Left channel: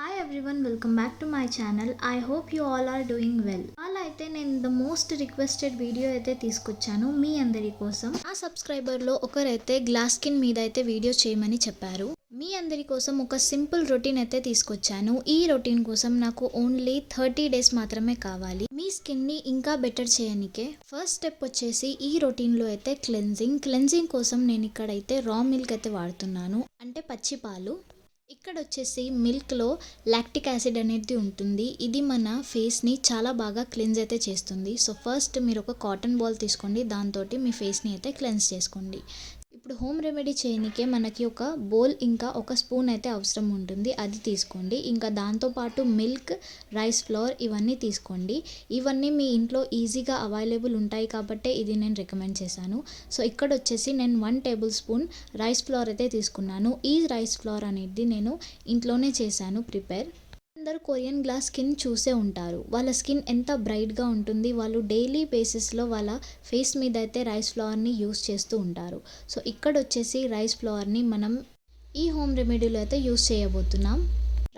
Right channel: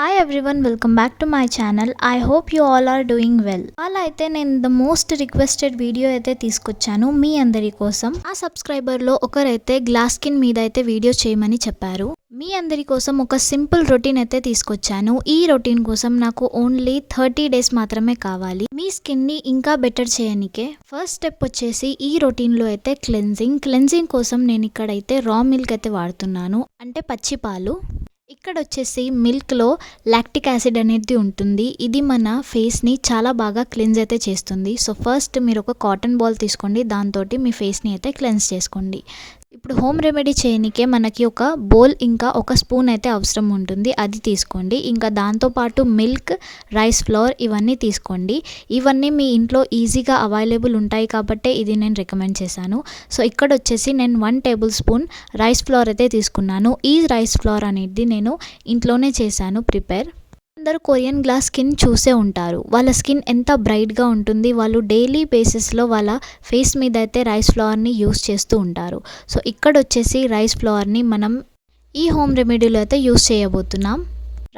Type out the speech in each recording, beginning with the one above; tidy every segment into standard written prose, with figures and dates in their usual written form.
Hi everyone, welcome back to my channel. I hope you all are doing well. అలా అయితే నేను the most requested video అయితే తీసుకొచ్చాను మీ అందరి కోసం. ఆ సబ్స్క్రైబర్లో ఒకరైతే గ్లాస్ స్కిన్ మీద అయితే వీడియో చేయమని చెప్పారు. మీ అందరి కోసం ఒక సింపుల్ రొటీన్ అయితే తీసుకొచ్చాను. ఈ రొటీన్ కోసం నాకు ఓన్లీ 30 డేస్ మాత్రమే కావాలి మీ స్కిన్ని ఇంకా బెటర్ చేయనికే. ఫస్ట్ స్టెప్ వచ్చేసి ఈ రొటీన్లో అయితే క్లెన్జింగ్ కోసం నేను ఇక్కడైతే రా మిల్క్ అయితే వాడుతున్నాను, అంటే పచ్చి పాలు. ఇక్కడ వచ్చేసి మిల్క్లో లాక్టిక్ యాసిడ్ అనేది ఉంటుంది. ఇది మన ఫేస్ని చాలా బాగా క్లెన్స్ అయితే చేస్తుంది. సో ఫస్ట్ మీరు ఒక కాటన్ బాల్ తీసుకోండి, దాంతో మీ ఫేస్ని అయితే క్లెన్స్ చేసుకోండి. ఇప్పుడు హోమ్ రెమెడీ చేయనికే మనకి ఒక బౌల్ ఇంకా ఒక స్పూన్ అయితే అవసరం ఉంటుంది, అది తీసుకోండి. ఇంకా దాంతోపాటు మిల్క్, రైస్ ఫ్లోర్ ఇవన్నీ తీసుకోండి. ఇవన్నీ మీ ఇంట్లో ఈజీగా అవైలబుల్ ఉంటాయి కాబట్టి ఇది నేను రికమెండ్ చేశాను. సో ఇక్కడ వచ్చేసి నేను 1 టేబుల్ స్పూన్ రైస్ ఫ్లోర్ అయితే తీసుకున్నాను. ఈ రైస్ ఫ్లోర్ అనేది నేను ఇంట్లోనే చేశాను ప్రిపేర్. అందరూ కొరియన్ గ్లాస్ స్కిన్ చూసే ఉంటారు. వాళ్ళ స్కిన్ ఎంత బ్రైట్గా ఉంటుంది. వాళ్ళు డైలీ బేసిస్లో వాళ్ళ ఫేస్ మీద అయితే రైస్ ఫ్లవర్ని యూస్ చేస్తూ ఉంటారు. సో ఇక్కడ వచ్చేసి రైస్ ఫ్లవర్ని మనం ఈ హోమ్ రెమెడీలో అయితే యూస్ చేయబోతున్నాం.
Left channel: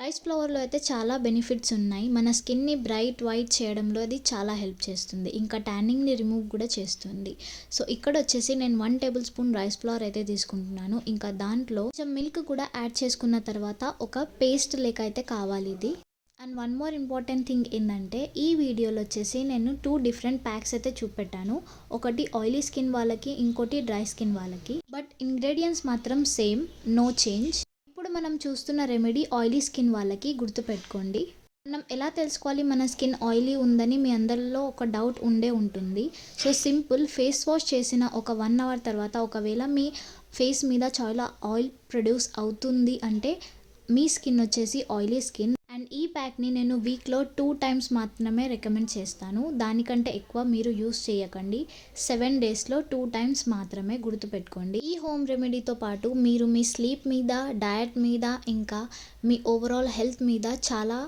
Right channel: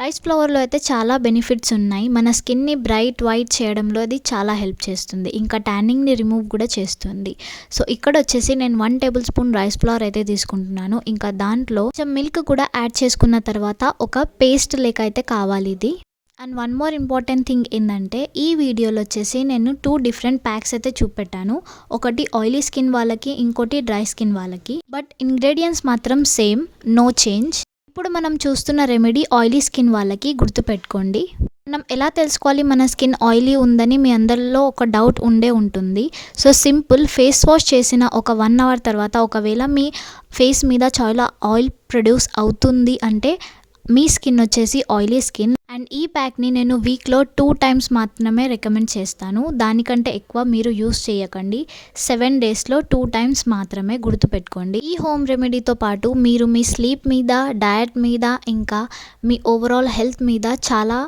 రైస్ ఫ్లవర్లో అయితే చాలా బెనిఫిట్స్ ఉన్నాయి. మన స్కిన్ని బ్రైట్ వైట్ చేయడంలో అది చాలా హెల్ప్ చేస్తుంది, ఇంకా ట్యానింగ్ని రిమూవ్ కూడా చేస్తుంది. సో ఇక్కడ వచ్చేసి నేను 1 టేబుల్ స్పూన్ రైస్ ఫ్లవర్ అయితే తీసుకుంటున్నాను. ఇంకా దాంట్లో కొంచెం మిల్క్ కూడా యాడ్ చేసుకున్న తర్వాత ఒక పేస్ట్ లేక అయితే కావాలి ఇది. And one more important thing ఏంటంటే ఈ వీడియోలో వచ్చేసి నేను 2 డిఫరెంట్ ప్యాక్స్ అయితే చూపెట్టాను. ఒకటి ఆయిలీ స్కిన్ వాళ్ళకి, ఇంకోటి డ్రై స్కిన్ వాళ్ళకి. బట్ ఇంగ్రీడియంట్స్ మాత్రం సేమ్, నో చేంజ్. ఇప్పుడు మనం చూస్తున్న రెమెడీ ఆయిలీ స్కిన్ వాళ్ళకి. గుర్తుపెట్టుకోండి, మనం ఎలా తెలుసుకోవాలి మన స్కిన్ ఆయిలీ ఉందని మీ అందరిలో ఒక డౌట్ ఉంటుంది. సో సింపుల్, ఫేస్ వాష్ చేసిన ఒక 1 అవర్ తర్వాత ఒకవేళ మీ ఫేస్ మీద చాలా ఆయిల్ ప్రొడ్యూస్ అవుతుంది అంటే మీ స్కిన్ వచ్చేసి ఆయిలీ స్కిన్. అండ్ ఈ ప్యాక్ని నేను వీక్లో 2 టైమ్స్ మాత్రమే రికమెండ్ చేస్తాను, దానికంటే ఎక్కువ మీరు యూస్ చేయకండి. 7 డేస్లో 2 టైమ్స్ మాత్రమే. గుర్తుపెట్టుకోండి. ఈ హోమ్ రెమెడీతో పాటు మీరు మీ స్లీప్ మీద, డయట్ మీద, ఇంకా మీ ఓవరాల్ హెల్త్ మీద చాలా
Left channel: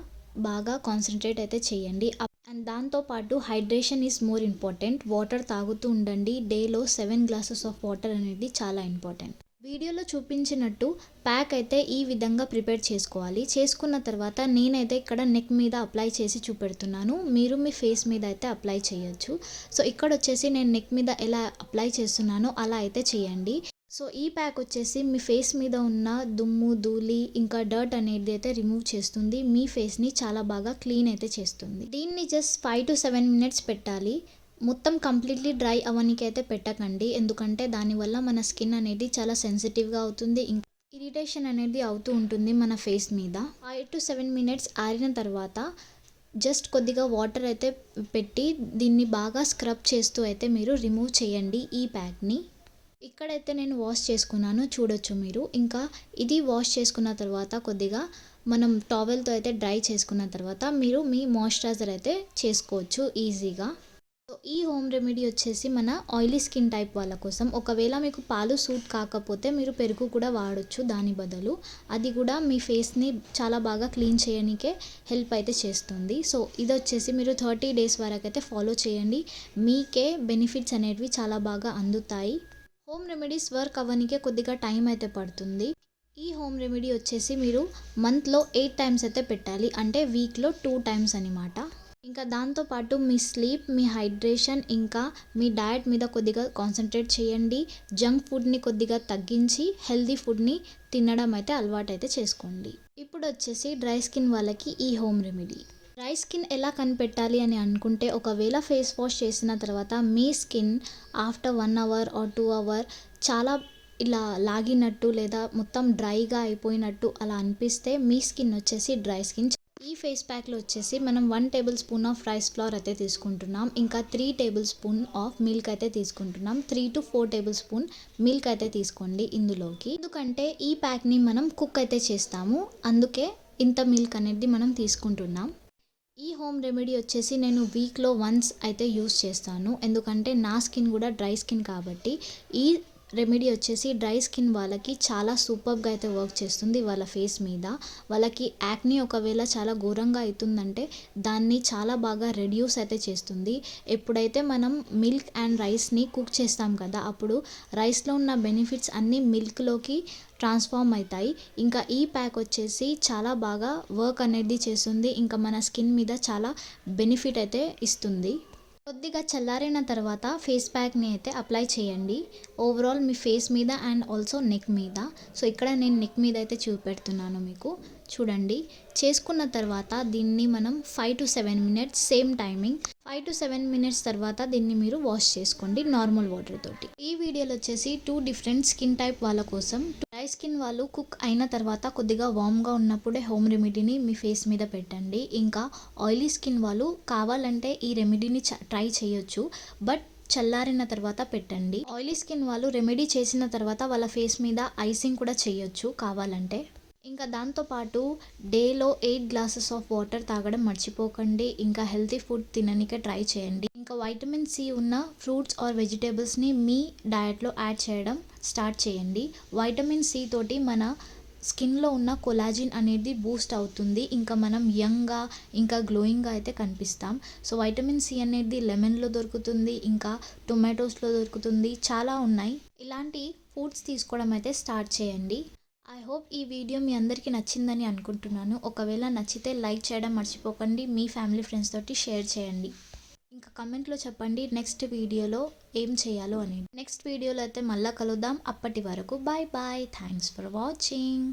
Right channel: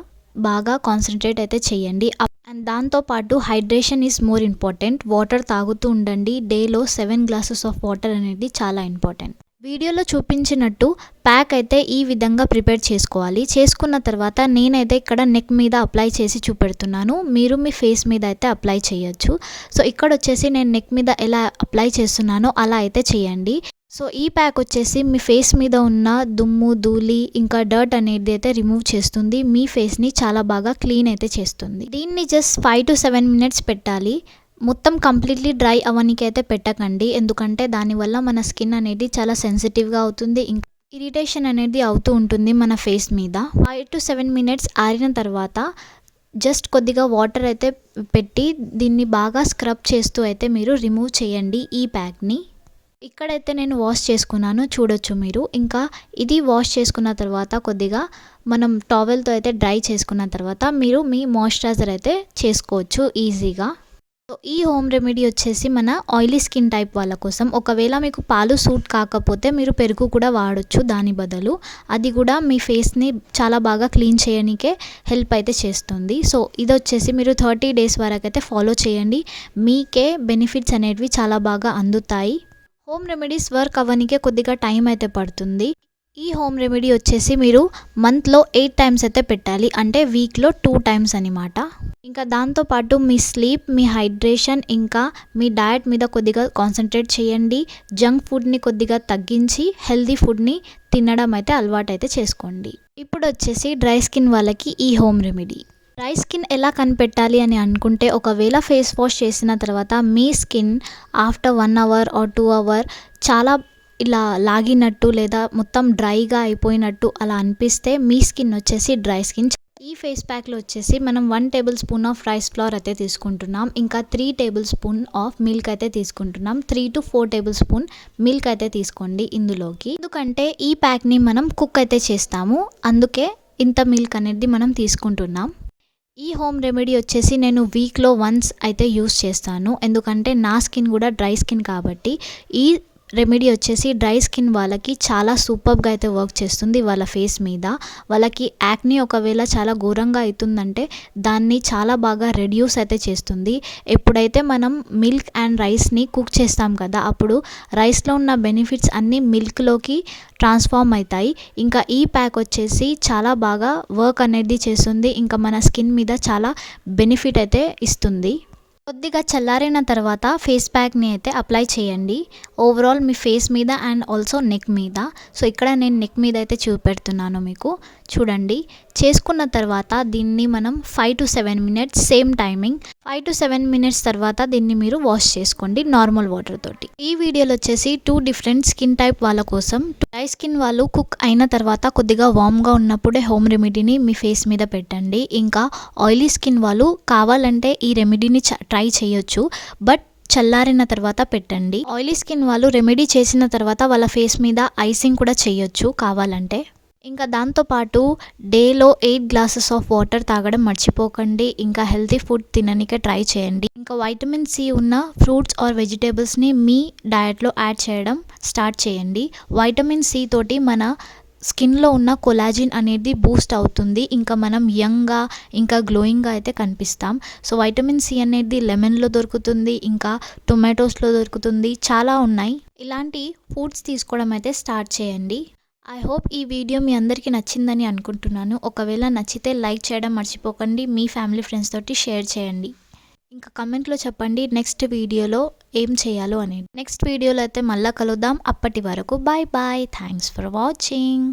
బాగా కాన్సన్ట్రేట్ అయితే చేయండి. అండ్ దాంతోపాటు hydration is more important. Water తాగుతూ ఉండండి. డేలో 7 గ్లాసెస్ ఆఫ్ వాటర్ అనేది చాలా ఇంపార్టెంట్. వీడియోలో చూపించినట్టు ప్యాక్ అయితే ఈ విధంగా ప్రిపేర్ చేసుకోవాలి. చేసుకున్న తర్వాత నేనైతే ఇక్కడ నెక్ మీద అప్లై చేసి చూపెడుతున్నాను, మీరు మీ ఫేస్ మీద అయితే అప్లై చేయొచ్చు. సో ఇక్కడ వచ్చేసి నేను నెక్ మీద ఎలా అప్లై చేస్తున్నానో అలా అయితే చేయండి. సో ఈ ప్యాక్ వచ్చేసి మీ ఫేస్ మీద ఉన్న దుమ్ము, ధూళి, ఇంకా డర్ట్ అనేది అయితే రిమూవ్ చేస్తుంది. మీ ఫేస్ని చాలా బాగా క్లీన్ అయితే చేస్తుంది. దీన్ని జస్ట్ 5 to 7 మినిట్స్ పెట్టాలి. మొత్తం కంప్లీట్లీ డ్రై అవ్వడానికి అయితే పెట్టకండి, ఎందుకంటే దానివల్ల మన స్కిన్ అనేది చాలా సెన్సిటివ్గా అవుతుంది, ఇంకా ఇరిటేషన్ అనేది అవుతూ ఉంటుంది మన ఫేస్ మీద. 5 to 7 మినిట్స్ ఆరిన తర్వాత జస్ట్ కొద్దిగా వాటర్ అయితే పెట్టి దీన్ని బాగా స్క్రబ్ చేస్తూ అయితే మీరు రిమూవ్ చేయండి ఈ ప్యాక్ని. ఇక్కడైతే నేను వాష్ చేసుకున్నాను, చూడొచ్చు మీరు. ఇంకా ఇది వాష్ చేసుకున్న తర్వాత కొద్దిగా మనం టవల్తో అయితే డ్రై చేసుకున్న తర్వాత మీరు మీ మాయిశ్చరైజర్ అయితే చేసుకోవచ్చు ఈజీగా. సో ఈ హోమ్ రెమెడీ వచ్చేసి మన ఆయిలీ స్కిన్ టైప్ వాళ్ళ కోసం. ఒకవేళ మీకు పాలు సూట్ కాకపోతే మీరు పెరుగు కూడా వాడచ్చు దాని బదులు. అది కూడా మీ ఫేస్ని చాలా బాగా క్లీన్ చేయడానికే హెల్ప్ అయితే చేస్తుంది. సో ఇది వచ్చేసి మీరు 30 డేస్ వరకు అయితే ఫాలో చేయండి. మీకే బెనిఫిట్స్ అనేవి చాలా బాగా అందుతాయి. హోమ్ రెమెడీస్ వర్క్ అవ్వడానికే కొద్దిగా టైం అయితే పడుతుంది. ఈ హోమ్ రెమెడీ వచ్చేసి మీరు మంత్లో 8 టైమ్స్ అయితే పెట్టాలి, అంటే వీక్లో 2 టైమ్స్ అనమాట. ఇంకా దాంతోపాటు మీ స్లీప్, మీ హైడ్రేషన్, ఇంకా మీ డయట్ మీద కొద్దిగా కాన్సన్ట్రేట్ చేయండి. జంక్ ఫుడ్ని కొద్దిగా తగ్గించి హెల్దీ ఫుడ్ని తినడం అయితే అలవాటు అయితే చేసుకోండి. ఇప్పుడు వచ్చేసి డ్రై స్కిన్ వాళ్ళకి ఈ హోమ్ రెమెడీ. డ్రై స్కిన్ ఎలా కనిపెట్టాలి అని అనుకుంటే, ఒకవేళ ఫేస్ వాష్ చేసిన తర్వాత మీ skin after 1 hour or 2 hour చాలా ఇలా లాగినట్టు లేదా మొత్తం డ్రైగా అయిపోయినట్టు అలా అనిపిస్తే మీ స్కిన్ వచ్చేసి డ్రై స్కిన్. ఈ ఫేస్ ప్యాక్లో వచ్చేసి మనం 1 table spoon of rice flour అయితే తీసుకుంటున్నాం, ఇంకా 3 టేబుల్ స్పూన్ ఆఫ్ మిల్క్ అయితే తీసుకుంటున్నాం. 3 to 4 టేబుల్ స్పూన్ మిల్క్ అయితే తీసుకోండి ఇందులోకి, ఎందుకంటే ఈ ప్యాక్ని మనం కుక్ అయితే చేస్తాము, అందుకే ఇంత మిల్క్ అనేది మనం తీసుకుంటున్నాం. ఈ హోమ్ రెమెడీ వచ్చేసి నేను వీక్లో వన్స్ అయితే యూస్ చేస్తాను, ఎందుకంటే నా స్కిన్ కూడా డ్రై స్కిన్ కాబట్టి ఈ రెమెడీ వచ్చేసి డ్రై స్కిన్ వాళ్ళకి చాలా సూపర్గా అయితే వర్క్ చేస్తుంది వాళ్ళ ఫేస్ మీద. వాళ్ళకి యాక్నీ ఒకవేళ చాలా ఘోరంగా అవుతుందంటే దాన్ని చాలా బాగా రెడ్యూస్ అయితే చేస్తుంది. ఎప్పుడైతే మనం మిల్క్ అండ్ రైస్ని కుక్ చేస్తాం కదా, అప్పుడు రైస్లో ఉన్న బెనిఫిట్స్ అన్నీ మిల్క్లోకి ట్రాన్స్ఫార్మ్ అవుతాయి. ఇంకా ఈ ప్యాక్ వచ్చేసి చాలా బాగా వర్క్ అనేది చేస్తుంది. ఇంకా మన స్కిన్ మీద చాలా బెనిఫిట్ అయితే ఇస్తుంది. కొద్దిగా చల్లారిన తర్వాత ఫేస్ ప్యాక్ని అయితే అప్లై చేయండి ఓవరాల్ మీ ఫేస్ మీద అండ్ ఆల్సో నెక్ మీద. సో ఇక్కడ నేను నెక్ మీద అయితే చూపెడుతున్నాను మీకు. చూడండి, చేసుకున్న తర్వాత దీన్ని మనం 5 to 7 minutes same timing 5 to 7 minutes తర్వాత దీన్ని మీరు వాష్ చేసుకోండి నార్మల్ వాటర్ తోటి. ఈ వీడియోలో వచ్చేసి 2 డిఫరెంట్ స్కిన్ టైప్ వాళ్ళ కోసం. డ్రై స్కిన్ వాళ్ళు కుక్ అయిన తర్వాత కొద్దిగా వామ్గా ఉన్నప్పుడే హోమ్ రెమెడీని మీ ఫేస్ మీద పెట్టండి. ఇంకా ఆయిలీ స్కిన్ వాళ్ళు కావాలంటే ఈ రెమెడీని ట్రై చేయొచ్చు, బట్ చల్లారిన తర్వాత పెట్టండి. ఆయిలీ స్కిన్ వాళ్ళు రెమెడీ చేసిన తర్వాత వాళ్ళ ఫేస్ మీద ఐసింగ్ కూడా చేయొచ్చు కావాలంటే. ఇంకా దాంతోపాటు డేలో 8 గ్లాసెస్ ఆఫ్ వాటర్ తాగడం మర్చిపోకండి. ఇంకా హెల్తీ ఫుడ్ తిననికే ట్రై చేయండి. ఇంకా వైటమిన్ సి ఉన్న ఫ్రూట్స్ ఆర్ వెజిటేబుల్స్ని మీ డయట్లో యాడ్ చేయడం స్టార్ట్ చేయండి. వైటమిన్ సి తోటి మన స్కిన్లో ఉన్న కొలాజిన్ అనేది బూస్ట్ అవుతుంది. ఇంకా మనం యంగ్గా ఇంకా గ్లోయింగ్గా అయితే కనిపిస్తాం. సో వైటమిన్ సి అనేది లెమన్లో దొరుకుతుంది, ఇంకా టొమాటోస్లో దొరుకుతుంది, చాలా ఉన్నాయి. ఇలాంటి ఫుడ్స్ తీసుకోవడం అయితే స్టార్ట్ చేయండి. ఐ హోప్ ఈ వీడియో మీ అందరికీ నచ్చిందని అనుకుంటున్నాను. ఒకవేళ నచ్చితే లైక్ చేయడం మర్చిపోకండి. మీ ఫ్యామిలీ ఫ్రెండ్స్ తోటి షేర్ చేయండి. ఇంకా కమెంట్లో చెప్పండి నెక్స్ట్ వీడియోలో ఏం చేయాలో అనేది. నెక్స్ట్ వీడియోలో అయితే మళ్ళీ కలుద్దాం. అప్పటి వరకు bye bye. Thanks for watching.